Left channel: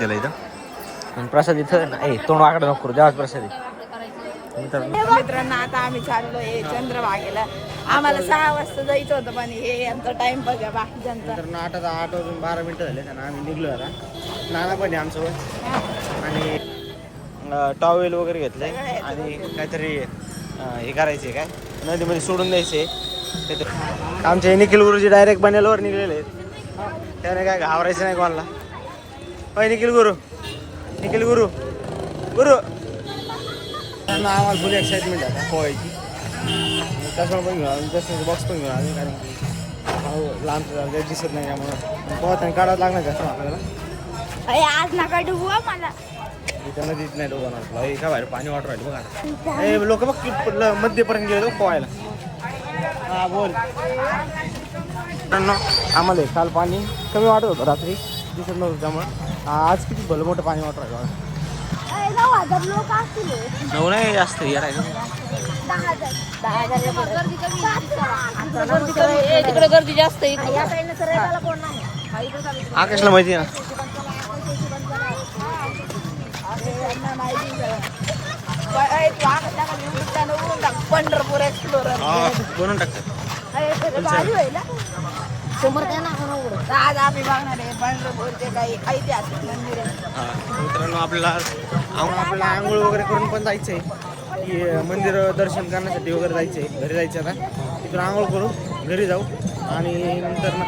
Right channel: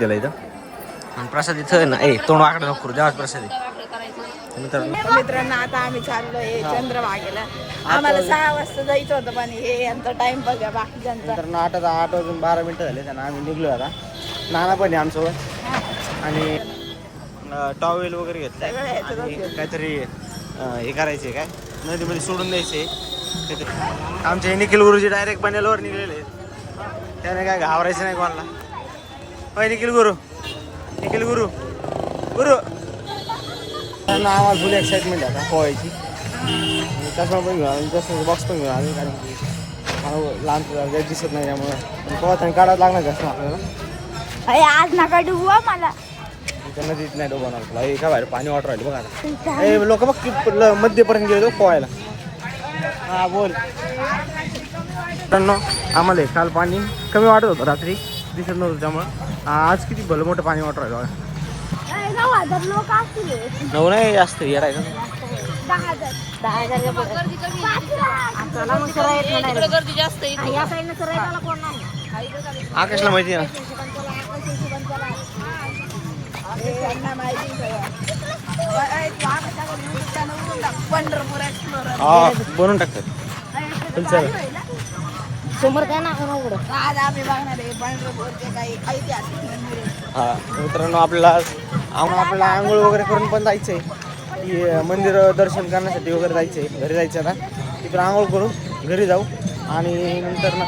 दिला इथं आणि प्रसाद इथं ना तोंड वाकडं नको करू देवाच प्रसाद मित्रांनो आता आम्ही चाललोय चंद्रभागेला. आम्हाला 6 वाजता जायचं होतं पण हे यांचा टाइम बघा बाकीच्यांचा. नंतर 8 वाजून 12 मिनिटं झाले आणि आम्ही निघलो आता. नाना पण आहे आमच्यासोबत आणि टॉवेल वगैरे घेतलंय आणि काहीतरी हे करायचे काय नदीमध्ये सोडून द्यायचे. आमचे निखिल गुरुजी डायरेक्ट बनेलवर निघलेले आहेत. त्याने काय घाबरायचं नाही कोणाला. होय निखिल गुरु त्यांना आम्हाला फुल एक्साइटमेंट आता पोहायची. चष्मा पण घेऊन चष्म्याचं बॉक्स पण घेऊन आले कारण की मला लहान दिसत नाही त्यामुळे पण पोहताना काढावं लागणार चष्मा आपल्याला. आज नका डुबवा मला इथं नदीत नाही डोबाणार तुला एका बाहेर पाणी वाटर राहिले बघा आता. हे लोक बघ की मध्यपर्यंत गेले तो पोहायला. हा बोल आम्हाला काल पाणी कमी वाटत होतं रात्री दिसत नव्हतं त्यामुळं आज किती भलं मोठं पाणी वाटर राहिलं बघा. नाही जास्त येणार आहे गर्दी जास्त आकाशला माहिती आहे ना पंढरपूर एक्सप्लोर बनवून टाकतो. समोर काय ना आज आम्ही बघणार आहे पंढरपूरचे काही ऐतिहासिक मंदिर आहे. हा मित्रांनो आपल्याला आंघोळ वगैरे करून पण जायचंय की मंदिर दर्शन करण्यासाठी वगैरे जायचंय. घरी जायचं आता इकडं आंघोळ करू घरी जाऊ आणि नंतर ना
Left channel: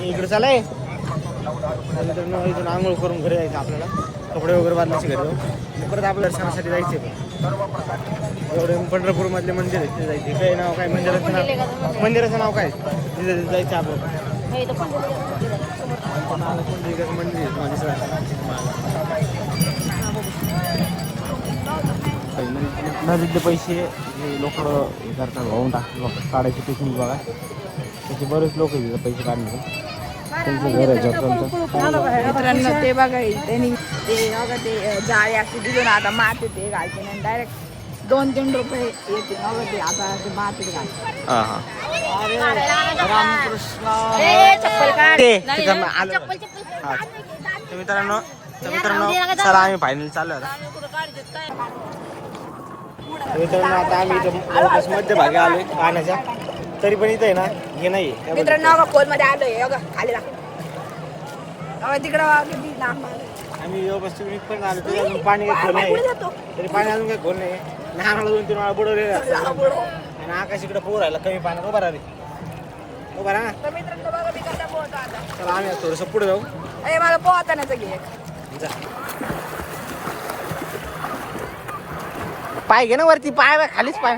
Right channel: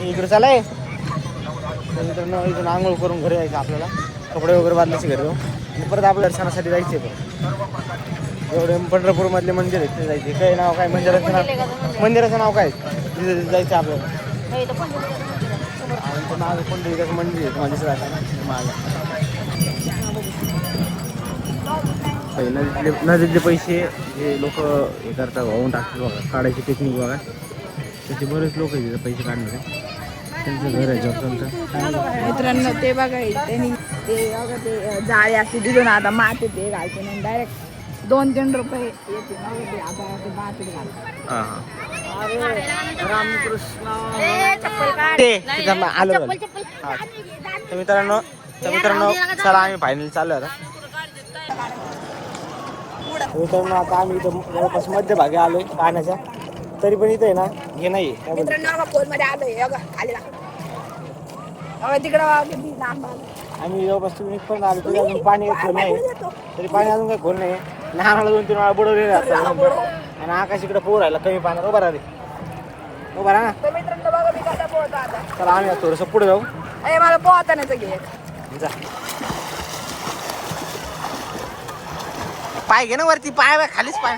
इकडे चालाय तर मित्रांनो इथून आंघोळ करून घरी जायचं आपल्याला. कपडे वगैरे बांधायचे घरी जाऊ आणि परत आपल्या दर्शनासाठी जायचंय. परत एवढे पंढरपूरमधले मंदिर आहे तिथे जायचे. काय नाव काय मंदिराचं नाव काय तिथे जायचं आपल्याला. पंढरीकाचं मंदिर आहे तुम्हाला दिसत नदीतले पैसे जे लोक हे करतात वाहून टाकतात बघा काढायची टेक्निक बघा. त्याचे बरेच लोक आहेत पैसे काढणारे. त्यांचं घर आहे मित्रांनो ते बघा त्यांनी ते बघा ते जाळे अशी दिली आता माती ते घालते नाही डायरेक्ट 2-3 रुपये येते बघा ते आता ते मातीत घालते. हां हां अरे रामकृष्ण आलं हा तर मित्रांनो चला आम्ही फायनली चाललो आता. मित्रांनो आता आम्ही इथं जवळपास मध्यभागी आलोय पाण्याच्या तरी पण इथं आहे ना हे नाही. मित्रांनो खोल मध्ये आलोय खाली तिकडं किती लांब आलोय आम्ही जवळपास तुम्ही पण आलो तरी अजून पाणी काही खोल नाही तरी पाणी अजून काही खोल नाही. लहानाला 2-3 वेळा बुडवलेले आणि आकाश इकडे पोर राहिला कमी पाण्यात उभा राहा ना. चला आम्ही थोडंसं पुढे जाऊ. अरे मला पोहतानाच घे जा पाय घे ना वरती पाय खालीच पाय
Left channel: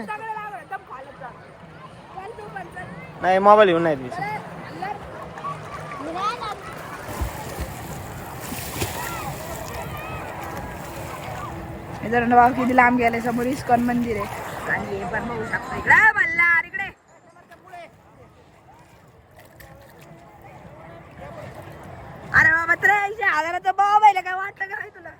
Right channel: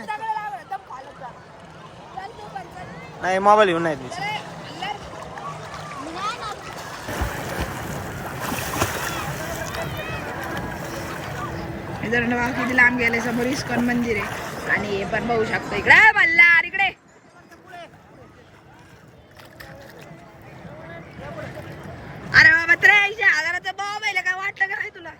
नाही मोबाईल घेऊन नाही तिथे. मित्रांनो बघा किती लांब गेले. समोर इस्कॉन मंदिर आहे आणि हे पण बघू शकतो इकडे मल्हार इकडे. अरे बाबा 83,000चा मोबाईल काय वाटलं का नाही तुला.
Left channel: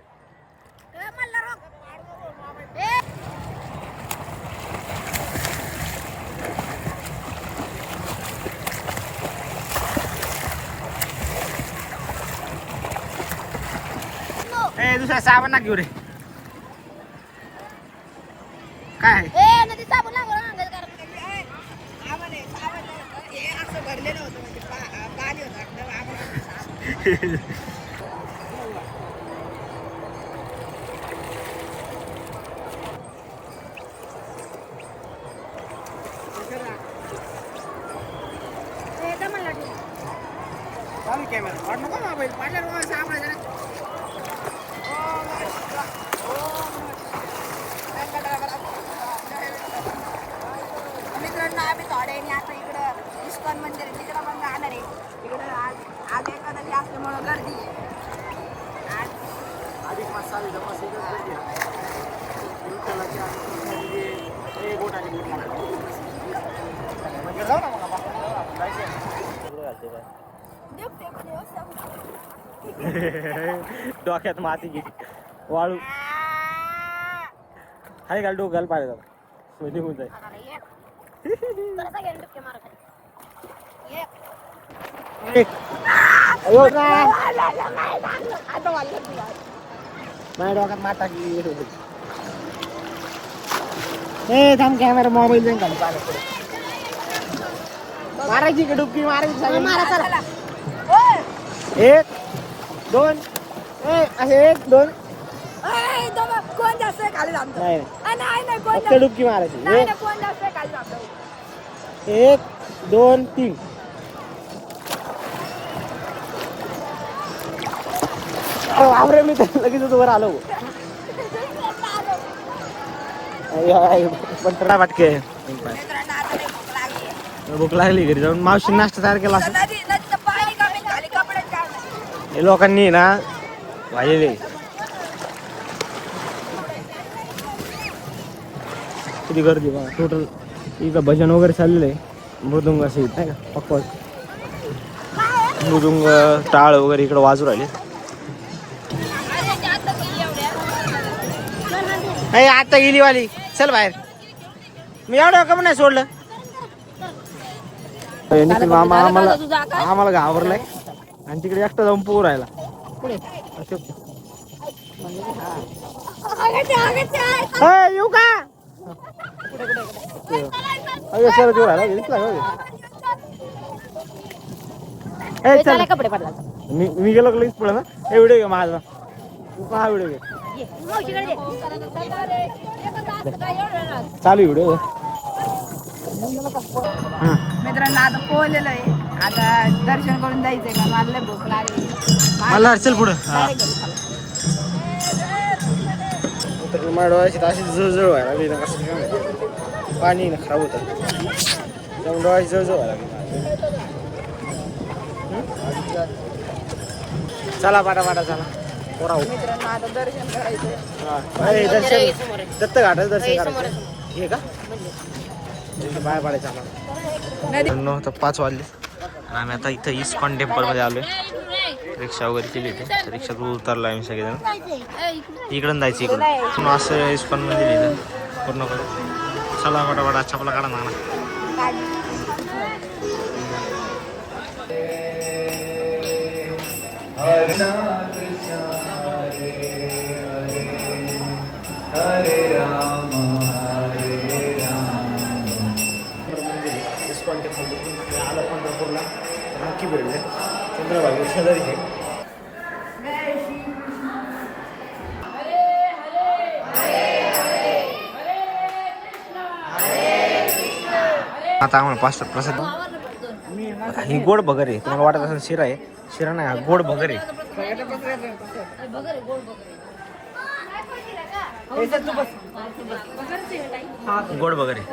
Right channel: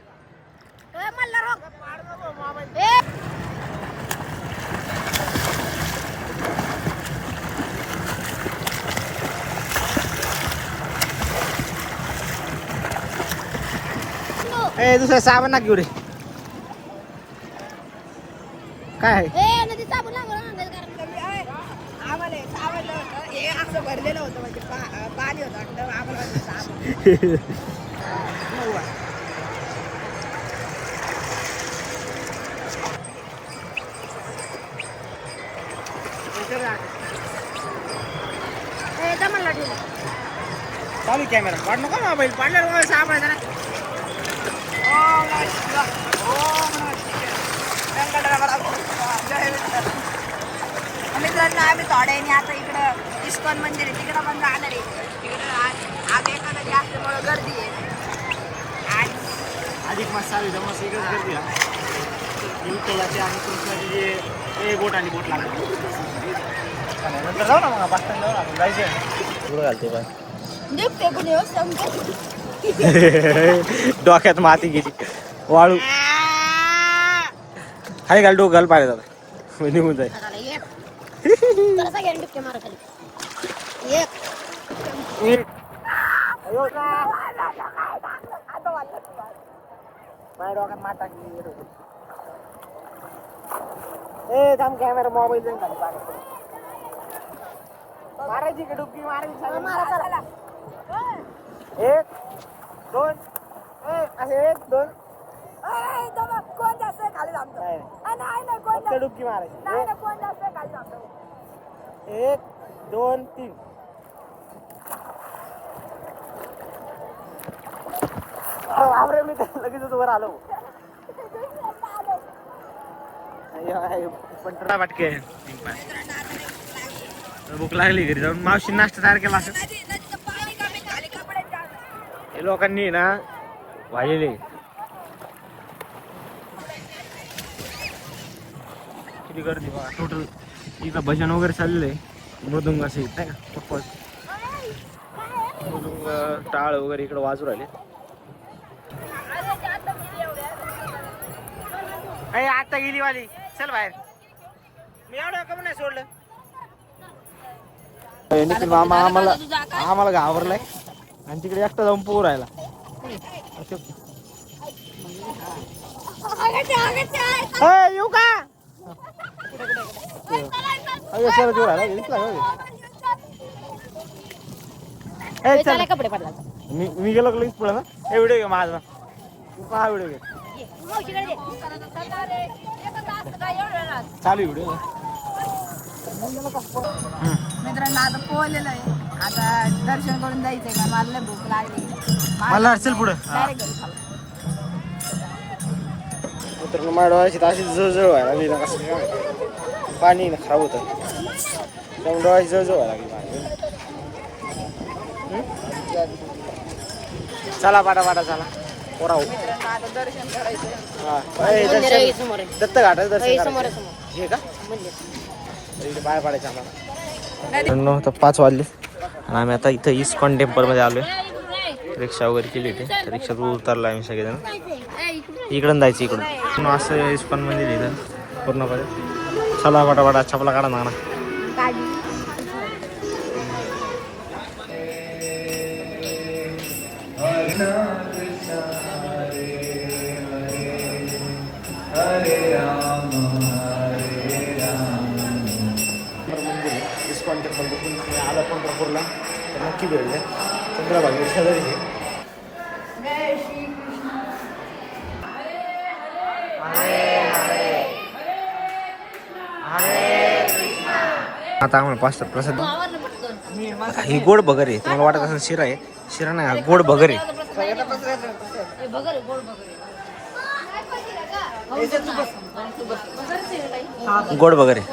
दुसऱ्या साबण ना घेऊ रे काय आहे. हे असं भरलेलं होतं म्हणजे पाणी होतं वाटतं आम्हाला. चालू कॅमेरा काढ नको मोबाईल पाडल्यावर सापडायचा ना. मित्रांनो आम्ही थोड्याने आता इकडं इस्कॉन मंदिर आहे तिकडं पण जाणार आहे. तिकडं आज एखादी असल्यामुळं गर्दी आहे. अधिक मास चालू आहे मस्त एकच गर्दी आहे. विठ्ठलाचे आणि कृष्णाचे जे बोट आणि बोट लागतात नंतर जाऊ ना मग 5 मिनिटं जाऊ ना आपण जायचं पुढं घालते बाय डोक्यात माती गेली वाळू हाय घाल डोक घाल पाहिजे दादा निघून जाईल. एक कॅमेरा मोबाईल जाऊन खाली मारायची का डुबकी मारायची? एक दोन असे एक दोन कोण जास्त खाली जातो? नाही नाही फक्त डुबकी मारायची. कोण जास्त खाली जातो? एक दोन तीन. आवरे मी तर लगेच वर आलो. वाटके भूक लागली घरी जाऊन मावशी नाश्ता तयार केला असं हे लोकांनी ना वाहिलेले. किती गर्दी बघा टोटल. इथं भजन वगैरे चाललेलं आहे. मृदुंग असे नाही का पक्क मृदुंग टाळ वगैरे इकडे वाजू राहिले. आता गेली वाली चल बाहेर. मी एवढं कम नाही सोडलं. निखिल मामा आम्हाला घाबरलाय आणि तिकडे एकटा जाऊन पोहू राहिला. येऊ का सर देऊ राहिला दिसला का? कपडे पडला मी गेलो लगेच पुढे ना. हे व्हिडिओ घे माझा. हा व्हिडिओ घे चालू व्हिडिओ. मित्रांनो आता पोहलेलो आहे. आता दर्शन करून जायचंय का? मला लय भूक लागली. मला अडचल पुढे तर माझ्या डोळ्याची अशी जळजळ व्हायला लागली ना. कसं काय पाणी ना खराब होतं त्यामुळे डोळ्याची जळजळ व्हायला लागली. चला पाटा चला पोराव. आता दर्शन करायचंय. दर्शन दत्त घाटाचं दर्शन करायचं हे का? बाहेर पाडायचं आम्हाला. तर 5 वाजले आणि आम्ही आता इथं इस्कॉन टेम्पलमध्ये आलोय. रिक्षा वगैरे केली होती. रिक्षात उतरला आम्ही सगळेजण. इकडून जायचं इकडून असं इस्कॉन मंदिर इथं पूर्णपणे. चला पाटा छापला काढा ना. इस्कॉन टेम्पल बघून आलं पंढरपूरला तर नक्की भेटले. चंद्रभागी शेजारी घे. आता आम्हाला पाच प्रसाद. ही गोड भगर आहे. तुम्हाला वाटत असेल शिरा आहे. शिरा नाही हा गोड भगर आहे. गोड भगर आहे.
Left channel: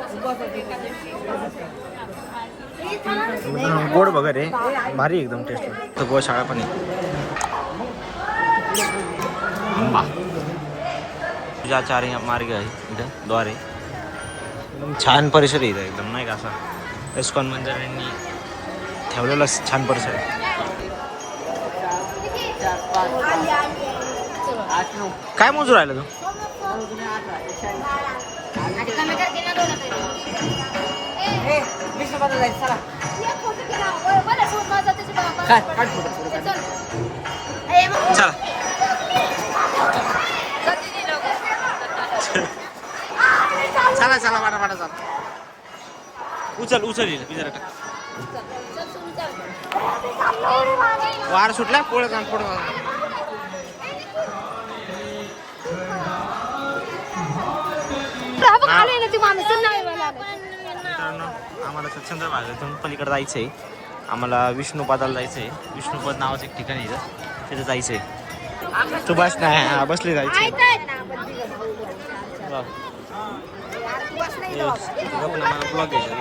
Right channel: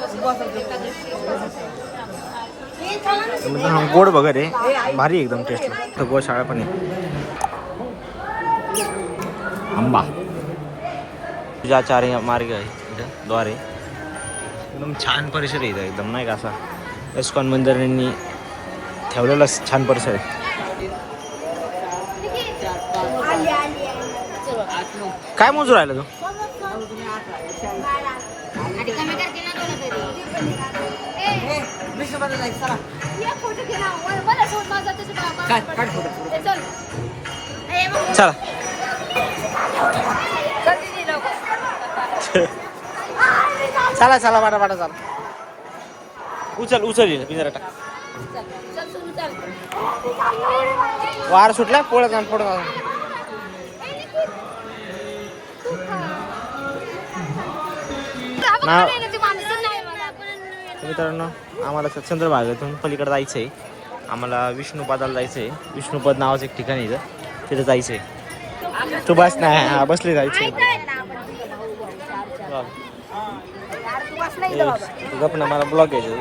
हा गोड भगर आहे. भारी एकदम टेस्टला. तर गोशाळा पण आहे. आंबा तुझ्या 4 मार्ग आहे इथं द्वारे. एकदम छान परिसर आहे इथं एकदम नाही का असा इस्कॉन मंदिरांनी ठेवलेला छान परिसर आहे. काय मोजू राहिला तू? चला चला चला पाटा चला. उचल येईल मी जरा टाक. वार सुटला पोळत मित्रांनो आम्हाला चंद्रभागेतून पलीकडे जायचं आहे. आम्हाला विष्णुपदाला जायचं आहे. विष्णुपद नावाचं एक ठिकाण इथं तिथं जायचं आहे. तू बस नाही बसली जायचं गप ना मला ब्लॉग घ्यायचं.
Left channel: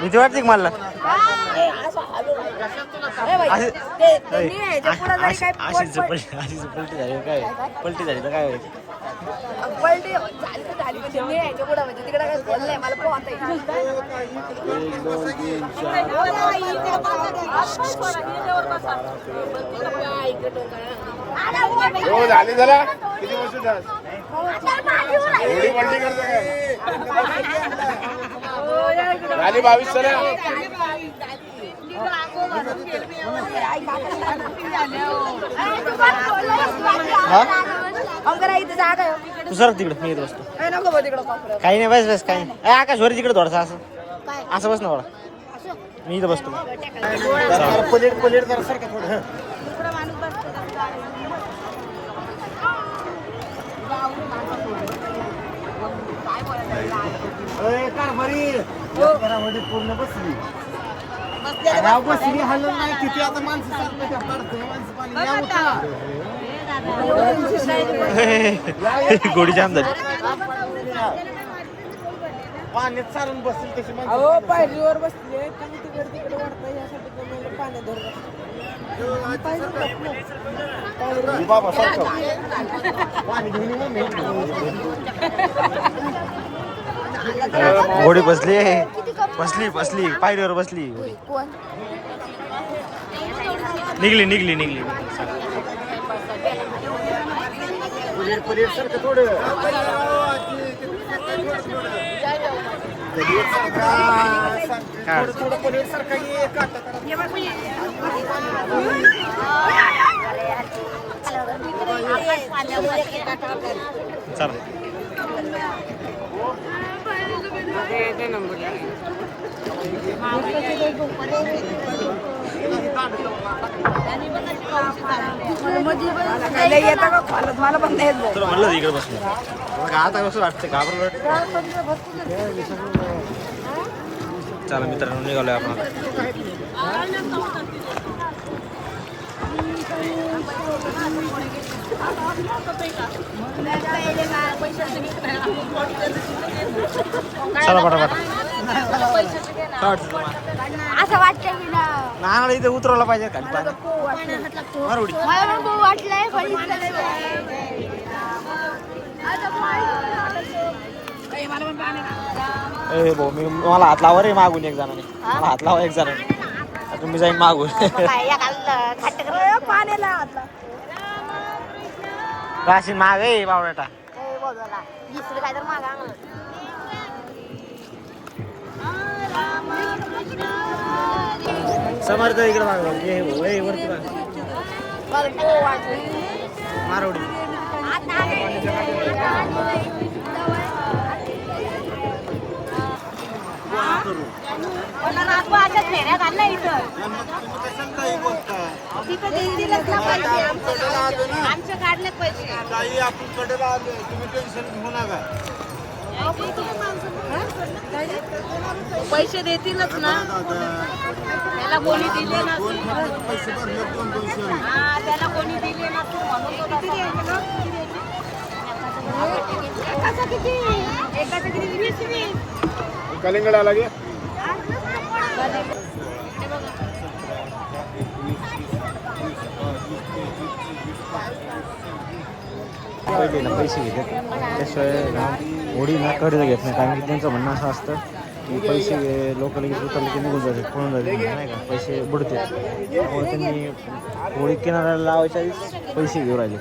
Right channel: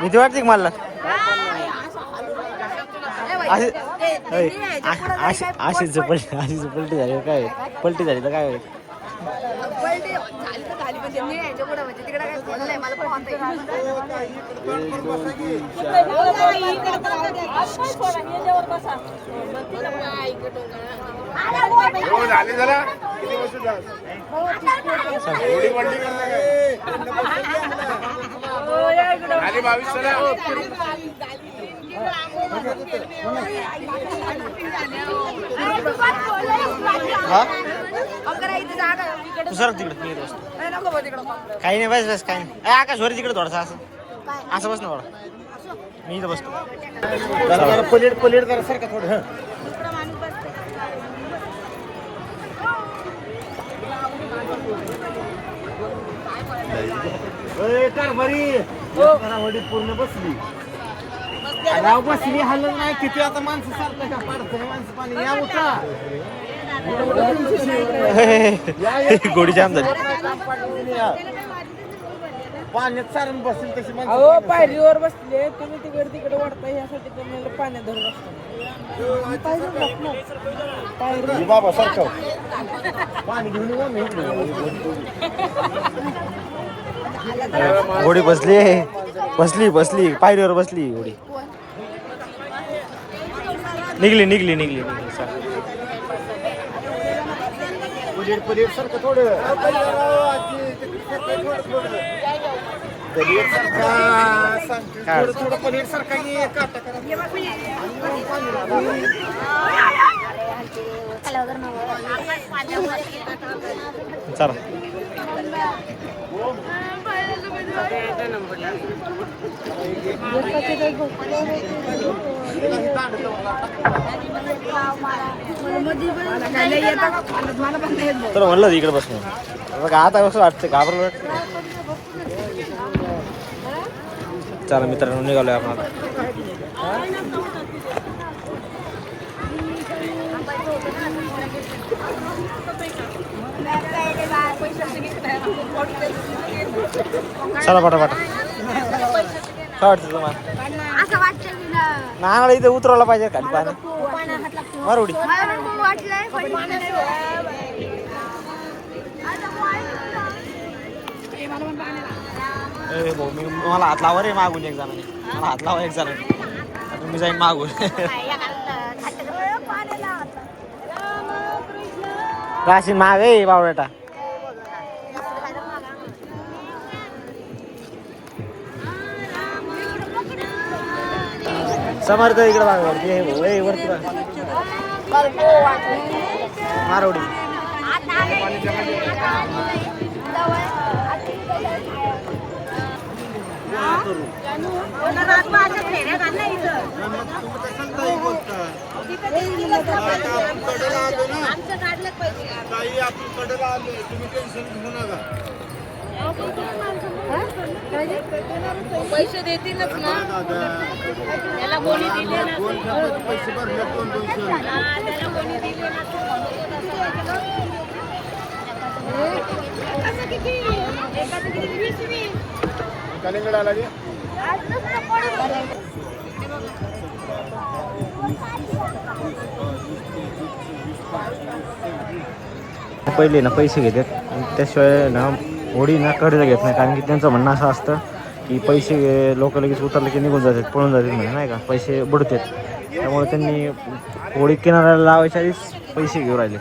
भीती वाटते मला. अशीच पलटी झाली काय? पलटी झाली तर काय होईल? पलटी झाली तर झाली म्हणजे मी यायच्या पुढे म्हणजे तिकडे काय बोललंय मला पण वाटतं. 1 2 3 4 झाली जरा हा तू सर तिकडे मी येत बसतो काही नाही बस बस काही नाही आकाश वर तिकडे थोडासा असं असं बस ना थोडा मी इथं बसतो प्लेट प्लेट करा सर का थोडं पूर्ण बसली राव बसली हलून नाही किती आता माणसं सारखं का पाडतं माणसं पाणी या उठा गोडी जाम झाली पाण्यात चालून बसली तशी अहो पायरीवर बसले तुम्ही तिकडे तिकडे वाढता यासाठी तुम्हाला पाण्यात धरून बाबा सारखं पाणी घेऊन येऊ मी घोडी बसली बसली बसली पायरीवर बसली घोडी निघली निघली निघली निघली सर पुलीट पुलीट सारखं थोडं चला मला पण नाही येत तर म्हणलं इकडे बसून बघा आता कसं वाटतं घाबरलं चला मित्रांनो निघालोय आपण आता चला पटापटा काय वाटतं तुम्हाला असं वाटतं की ना नांगडा इथे उतरवला पाहिजे खाली पाणी मारवडी भाऊ मी मला हात लावा रे मागून एक जणांनी मला हात लावा एक जणांनी आता मी जाईन मागून राशीन माग आहे बावड्याटा समर्थ इकडे बघा वरती वरती बघा मारवडी पैसे देतीलच ना त्याला कोणी दिले त्याला कोणी दिले कलिंगड आला गे पहिले ना पैसे घेतात त्याशिवाय ना होडी ना कर्ज घेत नाही कारण की त्यांचं म्हणणं असं असतं की पैसे लोक लगेच उतरले की निघून जातात पळून जातात म्हणजे नाही का पैसे बुडतात त्यामुळे त्यांनी होडी किनाऱ्याला लावायच्या आधीच पैसे घेऊन राहिले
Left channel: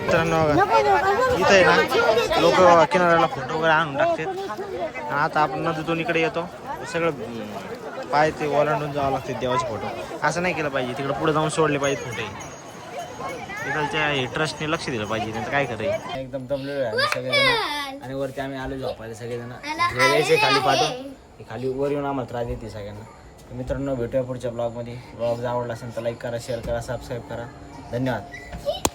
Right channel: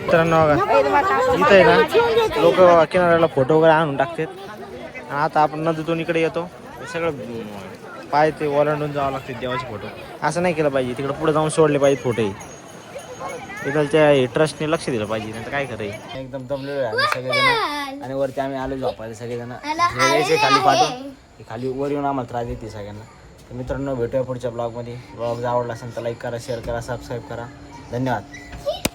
मित्रांनो इथं आहे ना लोक किनाऱ्याला फोटो वगैरे आणून टाकतात आता आपण नदीतून इकडे येतो हे सगळं पाय ते ओलांडून जावं लागते देवाचे फोटो असं नाही केलं पाहिजे तिकडे पुढे जाऊन सोडले पाहिजे फोटोही इकडच्या ट्रस्टने लक्ष दिलं पाहिजे नंतर काय करायचं एकदम दमलेलो आहे आम्ही सगळेजण आणि वरती आम्ही आलो झोपायला सगळेजण यायचे खाली पाठवून खाली वर येऊन आम्हाला त्रास देते सगळ्यांना तर मित्रांनो भेटूया पुढच्या ब्लॉगमध्ये ब्लॉग जर आवडला असेल तर लाईक करा शेअर करा सबस्क्राईब करा धन्यवाद.